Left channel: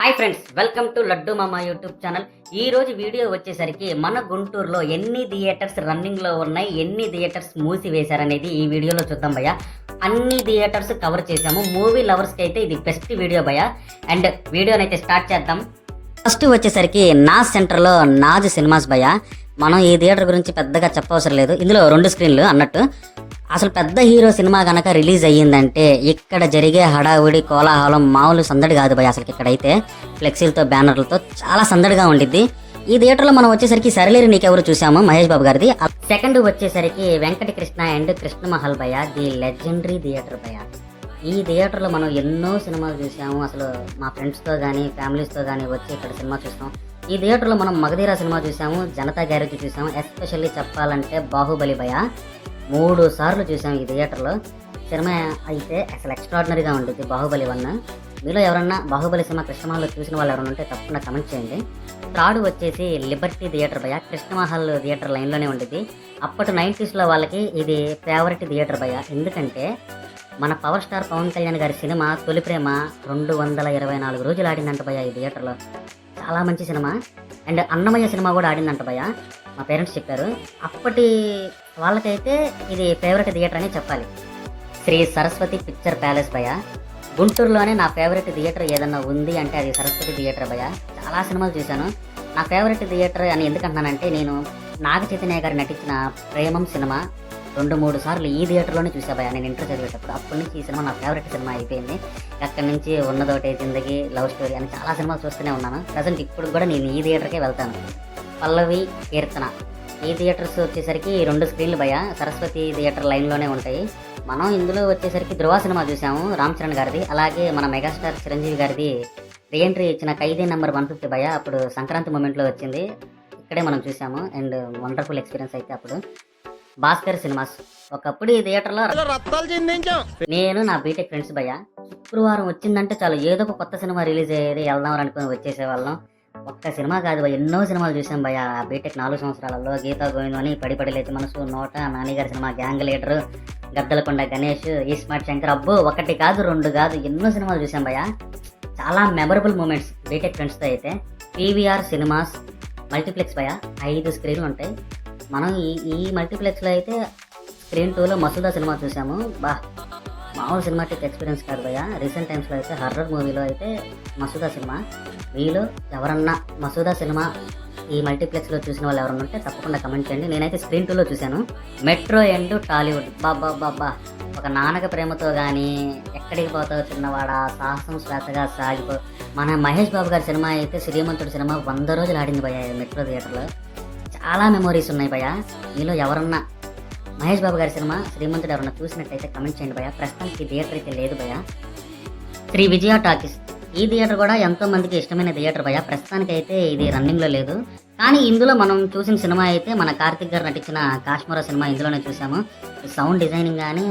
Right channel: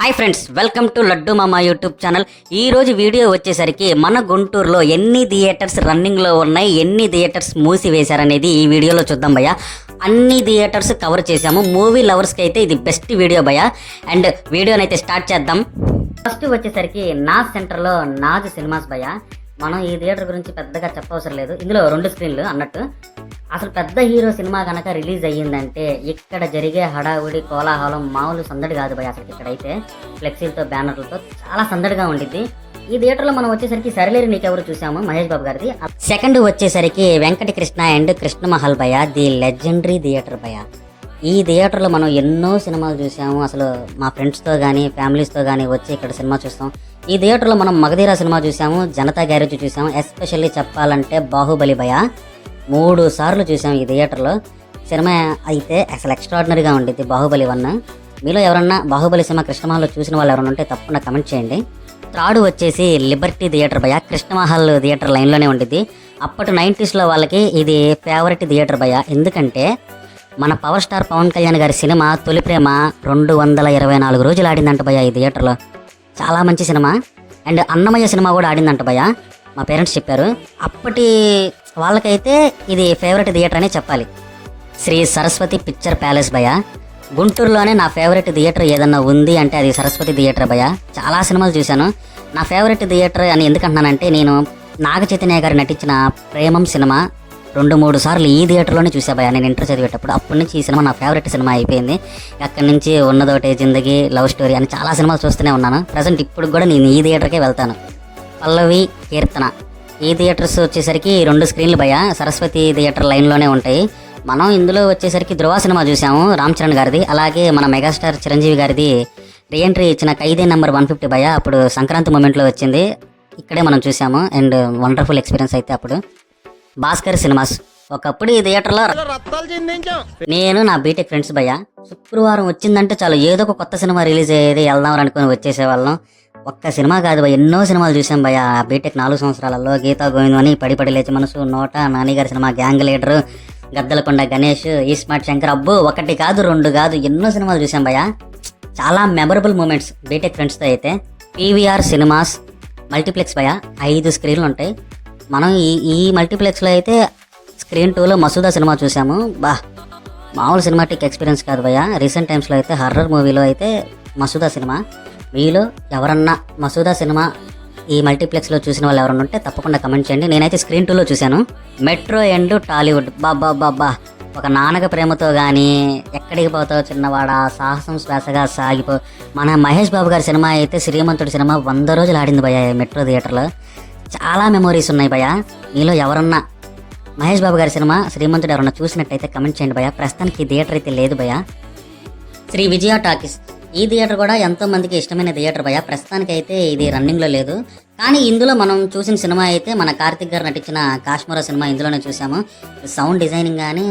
Hi friends, welcome to laddu మామ YouTube channel. ఈ రోజు వీడియో వచ్చేసరికి మన గుంటూరులో ఎన్ని థియేటర్స్ రన్నింగ్లో ఉన్నాయి, ఎన్ని థియేటర్స్ మూసివేశారనేది ఈ వీడియోలో చూద్దాం భయ్య. అన్ని థియేటర్స్ కవర్ చేశాము. మూవీ లవర్స్కి అయితే ఇది బెస్ట్ వీడియో భయ్య. అండ్ వీడియోని అయితే స్టార్ట్ చేద్దాం. ఫస్ట్ వచ్చేసరికి నాజ్ సెంటర్లో నాజ్ సినిమాస్ భయ్య. మనం ఈ థియేటర్ గురించి పెద్దగా చెప్పవసరం లేదు, ఇందులో 2 స్క్రీన్లు అన్నట్టు. అసలు పెద్ద హీరో సినిమా కనుక రిలీజ్ అయ్యిందంటే ఇక్కడ జరిగే హడావుడి కోలాహలం మామూలు సందడి కాదు భయ. అసలు ఇక్కడైతే ఫ్లెక్సీలతో బ్యానర్లతో చాలా సందడిగా ఉండిద్ది. ఈ థియేటర్లో మనం వచ్చేసరికి సరిలేరు నీకెవరు చూసాము, మహేష్ బాబు గారిది. సెకండ్ వచ్చేసరికి వెంకట కృష్ణ అండ్ కృష్ణమహల్ భయ, ది లెజెండరీ థియేటర్ భయ. ఈ థియేటర్లో మనం ఎన్నో సినిమాలు చూసాము. అసలు మా ఫ్రెండ్స్తో కానీ ఫ్యామిలీస్తో కానీ వచ్చి ఇక్కడ సినిమా చూస్తాం. ఈ థియేటర్లో మనం మగధీర సినిమా చూసాము, జనతా గ్యారేజ్ చూసాము. ఎస్పెషల్లీ చెప్పాలంటే బాహుబలి భయ 3 సార్లు చూసాం ఈ థియేటర్లో. సినిమా అయితే అసలు ఎక్స్ట్రాడినరీగా ఉండిద్ది బాహుబలి 1. మీలో ఎవరన్నా బాహుబలి సినిమా కృష్ణమహల్లో చూసిన వాళ్ళు ఎవరైనా ఉంటే తప్పకుండా కమెంట్ చేయండి. థర్డ్ వచ్చేసి లిబర్టీ థియేటర్ భయ, కృష్ణమహల్ థియేటర్ లైన్లోనే ఉండిద్ది. అప్పటి 90sలో వాళ్ళకి ఇది ఫేవరెట్ థియేటర్ భయ. ఎందుకంటే మన పవర్ స్టార్ పవన్ కళ్యాణ్ గారి సినిమా తొలి ప్రేమ 224 రోజులు ఆడిందంట భయ ఈ థియేటర్లో. చాలా మంచి సినిమా. అండ్ అన్నమయ్య సినిమా కూడా ఆడిందంట భయ, మా పేరెంట్స్ చెప్పారు. అప్పటి వాళ్ళకైతే ఇది ఫేవరెట్ థియేటర్ అనే చెప్పాలి. శ్రీ సరస్వతి పిక్చర్ ప్యాలెస్ భయ. గుంటూరులోనే నా ఫేవరెట్ థియేటర్ ఏదన్నా ఉంది అంటే అది సరస్వతి థియేటర్ భయ. చాలా సినిమాలు చూశాను. నా ఫేవరెట్ థియేటర్ అని ఎందుకంటున్నానంటే నేను నాగ చైతన్య గారు నటించిన ప్రేమం సినిమా 2-3 సార్లు ఈ థియేటర్లోనే చూసా భయ. నేను ఇంటర్ చదివేటప్పుడు అప్పటి నుంచి ఈ సినిమా నా ఫేవరెట్ సినిమా అయిపోయింది. అక్కడి నుంచి ఉన్నదోటే జిందగీ, లవ్ స్టోరీ అని చాలా సినిమాలు చూస్తూనే ఉన్నాను. ప్రజెంట్ ఇప్పుడు కూడా నేను ఈ థియేటర్కే వెళ్తాను. పల్లవి, కీర్తన ఈ థియేటర్స్ వచ్చేసరికి 2 స్క్రీన్లు భయ, సరస్వతి థియేటర్ లైన్లోనే ఉంటాయి. మనం ఇందులో వచ్చేసరికి ధృవ సినిమా చూసాము, రామ్ చరణ్ గారిది. అలాగే మన మెగాస్టార్ చిరంజీవి గారిది రీఎంట్రీ ఇచ్చిన ఖైదీ నెంబర్ 150 భయ. అప్పుడు సంక్రాంతి మూమెంట్లో వచ్చింది, ఇక్కడే మనం చూసాము. అండ్ వండర్ఫుల్ ఎక్స్పీరియన్స్ అయితే అప్పుడు. భాస్కర్ సినిమాస్ ఒకప్పుడు ఈ థియేటర్లో నేను నా బీటెక్ ఫ్రెండ్స్ భయ శుక్రవారం వచ్చిందంటే చాలు ఏదో ఒక కొత్త సినిమా రిలీజ్ అయ్యేది, వెళ్దాం అనుకుని వచ్చేసేవాళ్ళం. ఒక్క సినిమా కాదు భయ, ఎన్నో సినిమాలు చూసాం భయ. బీటెక్ 4 సంవత్సరాలలో గీతా గోవిందం అని, పడి పడి లేచి మనసు, నోట, నానిగారి cinema, gang leader, Gaddalakonda Ganesh, ఈ స్మార్ట్ శంకర్, అబ్బో 1 కాదు 2 కాదు ఎన్నో సినిమాలు చూసాం భయ. చాలా మెమరబుల్ మూమెంట్స్ బీటెక్ ఫ్రెండ్స్తో అయితే. పీవీఆర్ సినిమాస్ మల్టీప్లెక్స్ భయ, 5 స్క్రీన్లు ఉంటాయి. మనం ఈ మల్టీప్లెక్స్లో అయితే స్క్రీన్ 2లో మసూదా సినిమా చూసాము. మామూలు సినిమాటిక్ ఎక్స్పీరియన్స్ కాదు భయ. రీసెంట్ టైమ్స్లో అయితే హర్రర్ మూవీలో అయితే మసూదా సినిమా. మీలో ఎవరన్నా మసూదా సినిమా ఈ మల్టీప్లెక్స్లో చూసిన వాళ్ళు ఎవరన్నా ఉంటే తప్పకుండా కమెంట్ చేయండి. నేనైతే స్క్రీన్ 2లో చూశాను. మెట్రో అండ్ టాలీవుడ్ బాబా ఒక నాన్నక ప్రేమతో కానీ, ఎక్కడికి పోతావు చిన్నవాడ, సాహసం శ్వాసగా సాగిపో. మన మహేష్ బాబు గారి సినిమా అయితే శ్రీమంతుడి సినిమా 100 రోజులు ఆడింది భయ మెట్రో థియేటర్లో. చాలా మెమోరీస్ ఉన్నాయి భయ. మీలో ఎవరన్నా మహేష్ బాబు గారి సినిమా శ్రీమంతుడు ఎవరన్నా చూసినట్టయితే కమెంట్ చేయండి భయ. ప్రస్తుతానికి థియేటర్ అయితే లేదు భయ. శ్రీ విజయ టాకీస్ ఈ థియేటర్ కూడా ఎంతో మందికి ఇష్టమైన థియేటర్ భయ. ప్రస్తుతానికి అయితే ఇది రన్నింగ్లో లేదు. కానీ ఇందులో మనం చూసిన సినిమా అయితే మన కార్తిక్ గారు నటించిన కాశ్మీర సినిమా ఇందులోనే చూసాము. సౌండ్ డిజైనింగ్ కానీ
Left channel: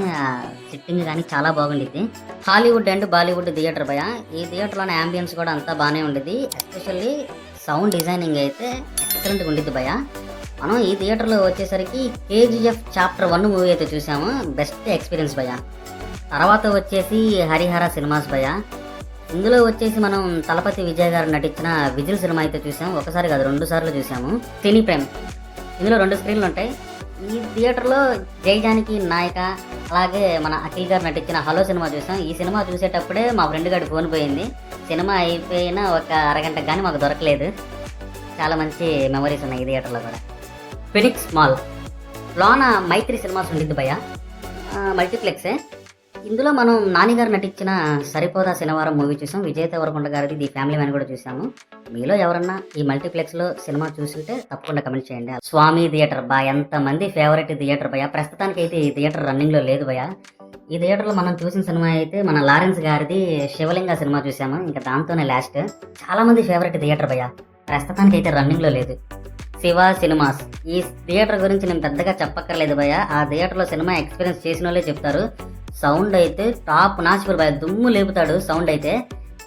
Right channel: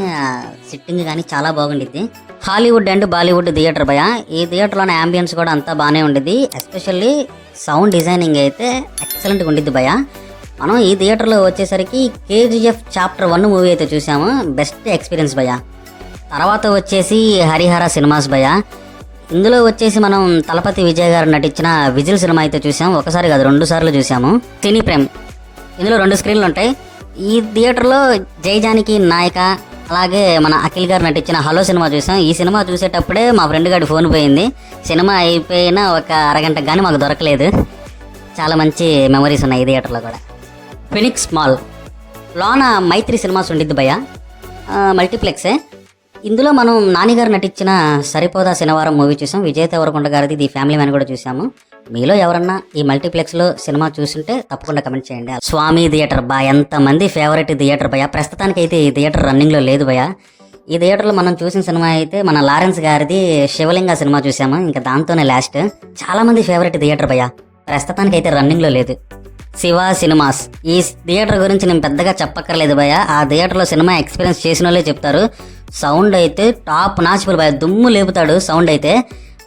సిట్టింగ్ కానీ చాలా బాగుండిద్ది. హాలీవుడ్ అండ్ బాలీవుడ్ థియేటర్ భయ. ఈ థియేటర్లోని అంబియన్స్ కూడా అంతా బాగానే ఉండిద్ది. ఎస్పెషల్లీ సౌండ్ డిజైనింగ్ అయితే ఎక్సలెంట్గా ఉండిద్ది భయ. మనం ఈ థియేటర్లో వచ్చేసరికి కేజీఎఫ్ చాప్టర్ 1 మూవీ అయితే చూసాము. బెస్ట్ ఎక్స్పీరియన్స్ భయ. తర్వాత వచ్చేసి హరిహర సినిమాస్ భయ. ఇందులో వచ్చేసి మనం తలపతి విజయ్ గారు నటించిన విజిల్ సినిమా అయితే చూసాము. ఒకసారి కాదు 2 సార్లు చూసాము. సినీ ప్రేమ్ ఇందులో 2 స్క్రీన్లు ఉంటాయి. ఈ థియేటర్లో జై జానకి నాయక, అలాగే మన అఖిల్ గారు నటించిన హలో సినిమా చూసాం. ఈ సినిమా చూసేటప్పుడే మా ఫ్రెండ్ గారి ఫోన్ పోయింది. సినిమా అయిపోయిన ఒక అరగంట కానీ మాకు దొరకలేదు. చాలా మంచి మెమరీస్ ఉన్నాయి ఈ థియేటర్లో కూడా. ఫినిక్స్ మాల్ లోన మైత్రి సినిమాస్ ఉండిద్ది భయ, మల్టీప్లెక్సే. ఇందులో మనం నానిగారు నటించిన సరిపోదా శనివారం మూవీ చూసాం. విజయ్ దేవరకొండ గారిది ది ఫ్యామిలీ మ్యాన్ కూడా చూసాము. మీలో ఎవరన్నా ఈ మల్టీప్లెక్స్లో సినిమా చూస్తుంటే తప్పకుండా కమెంట్ చేయండి. స్వామి థియేటర్ ఎంతమంది ఫేవరెట్ థియేటర్ భయ. ప్రస్తుతానికి అయితే ఈ థియేటర్ రన్నింగ్లో లేదు భయ. ఈ థియేటర్లో మనం చూసిన సినిమా అయితే మన లారెన్స్ గారిది శివలింగ సినిమా చూసాము. ఇంకా దాంతోనే లాస్ట్. చాలామంది ఫేవరెట్ థియేటర్ భయ. ప్రస్తుతానికి అయితే రన్నింగ్లో లేదు. శివ సినిమాస్ ఈ థియేటర్ గురించి నేను పెద్దగా చెప్పక్కర్లేదు భయ. ఆ థియేటర్లో సినిమా ఎక్స్పీరియన్స్ చేసిన వాళ్ళే చెప్తారు. సౌండ్ అయితే టాప్ నాచుపుల్ భయ, దుమ్ము లేపుతాడు సౌండ్ అయితే.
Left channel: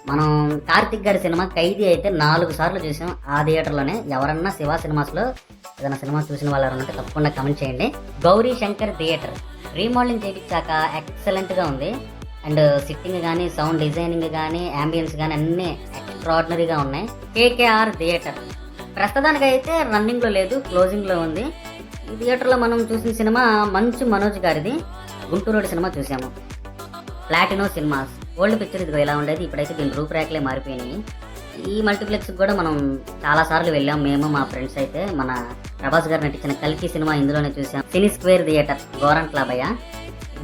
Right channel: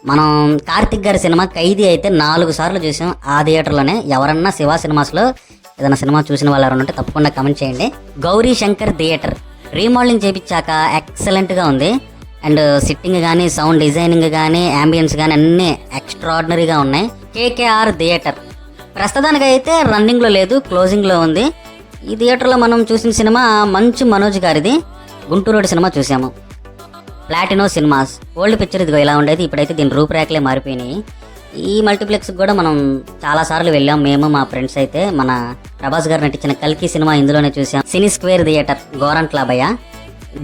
మనం కార్తిక్ గారి సినిమా ఖైదీ అయితే 4 సార్లు చూసాం ఆ థియేటర్లోనే. ఎవరన్నా శివ సినిమాస్లో ఏదైనా సినిమా చూసిన వాళ్ళు ఎవరన్నా ఉంటే తప్పకుండా కమెంట్ చేయండి. గౌరీ శంకర్ థియేటర్ రీమోడలింగ్ చేయించాక ఎక్సలెంట్గా ఉంది. అండ్ సిట్టింగ్ కానీ సౌండ్ డిజైనింగ్ కానీ యాంబియన్స్ కానీ అన్నీ ఎక్స్ట్రాడినరీగా ఉన్నాయి. కేకేఆర్ థియేటర్ ప్రస్తుతానికి అయితే రన్నింగ్లో లేదు, క్లోజింగ్లో ఉంది. ఈ థియేటర్లో మనం చూసిన సినిమా మంచు మనోజ్ గారిది గుంటూరు రోడ్ సినిమా చూసాము. ప్లాటినో సినిమాస్ ఓల్డ్ పిక్చర్ ఇదిగో ఇలా ఉండేది, ఇప్పుడైతే దీని రూపురేఖలే మారిపోయినాయి. ఈ మల్టీప్లెక్స్కి కూడా మనం చాలాసార్లు వెళ్ళాం, మేము మా ఫ్రెండ్స్ అయితే. మన ప్రభాస్ గారు నటించిన కల్కి సినిమా ఇందులోనే చూసాం. Cine square theatre Gorantla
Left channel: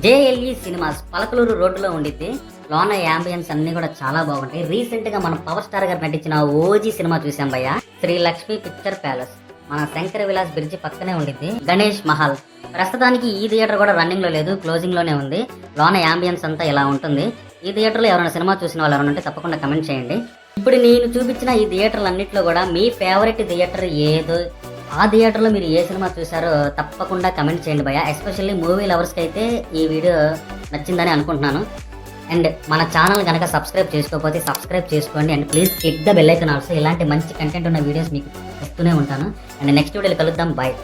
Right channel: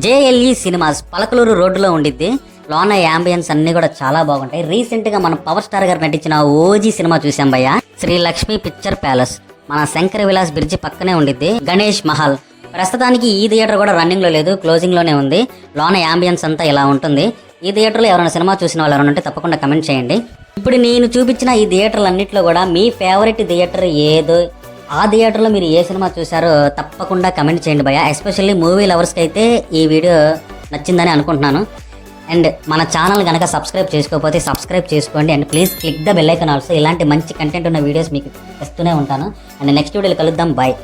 JLE cinemas Palakaluru రోడ్డులో ఉండిద్ది. లోన యాంబియన్స్ అన్నీ కూడా చాలా బాగుంటాయి. రీసెంట్గా మన పవర్ స్టార్ గారు నటించిన ఓజీ సినిమా చూసాం భయ్య. శ్రీ లక్ష్మీ పిక్చర్ ప్యాలెస్ మన శంకర విలాస్ బ్రిడ్జి పక్కనే ఉండిద్ది. గణేష్ మహల్ ప్రస్తుతానికి ఈ థియేటర్ కూడా రన్నింగ్లో లేదు, క్లోజింగ్లోనే ఉంది. లోన యాంబియన్స్ అంతా ఇలా ఉంటుంది. ఈ థియేటర్లో ఎవరైనా సినిమా చూసిన వాళ్ళు ఎవరైనా ఉంటే తప్పకుండా కమెంట్ చేయండి. ఇప్పుడు నేను చూపించిన ఈ థియేటర్లన్నింటిలో కూడా మీ ఫేవరెట్ థియేటర్ ఏదో, ఆ థియేటర్లో మీరు ఏ సినిమా చూసారో తప్పకుండా కమెంట్ చేయండి భయ్య. ఎస్పెషల్లీ మూవీ లవర్స్కి అయితే ఈ వీడియో నచ్చిందని అనుకుంటున్నాను. అండ్ మన ఛానల్ కనుక సబ్స్క్రైబ్ చేసుకోకపోతే సబ్స్క్రైబ్ చేసుకోండి. And please click the bell icon also. ఇలాంటి మంచి కంటెంట్ ఉన్న వీడియోస్ మీకు వస్తూనే ఉంటాను. అండ్ నెక్స్ట్ వీడియోలో కలుద్దాం. బాయ్.